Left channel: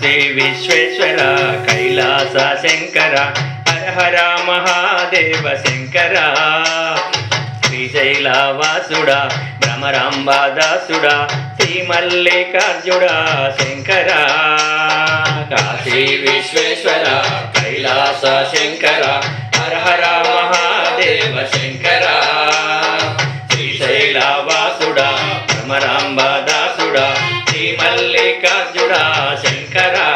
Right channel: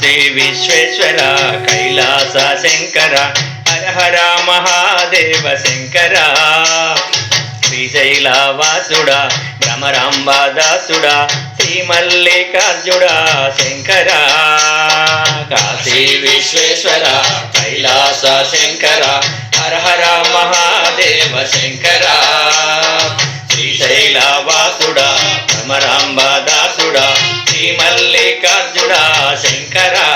Shri Visweswara Kailasa Shankara Hara Hara Mahadeva Shankara. Srisaila వాసుడా భ్రమరాంబాదాసుడా Shri మల్లికార్జుడా Shankara. Kashi Visweswara Kailasa Shankara Hara Hara Maha Shankara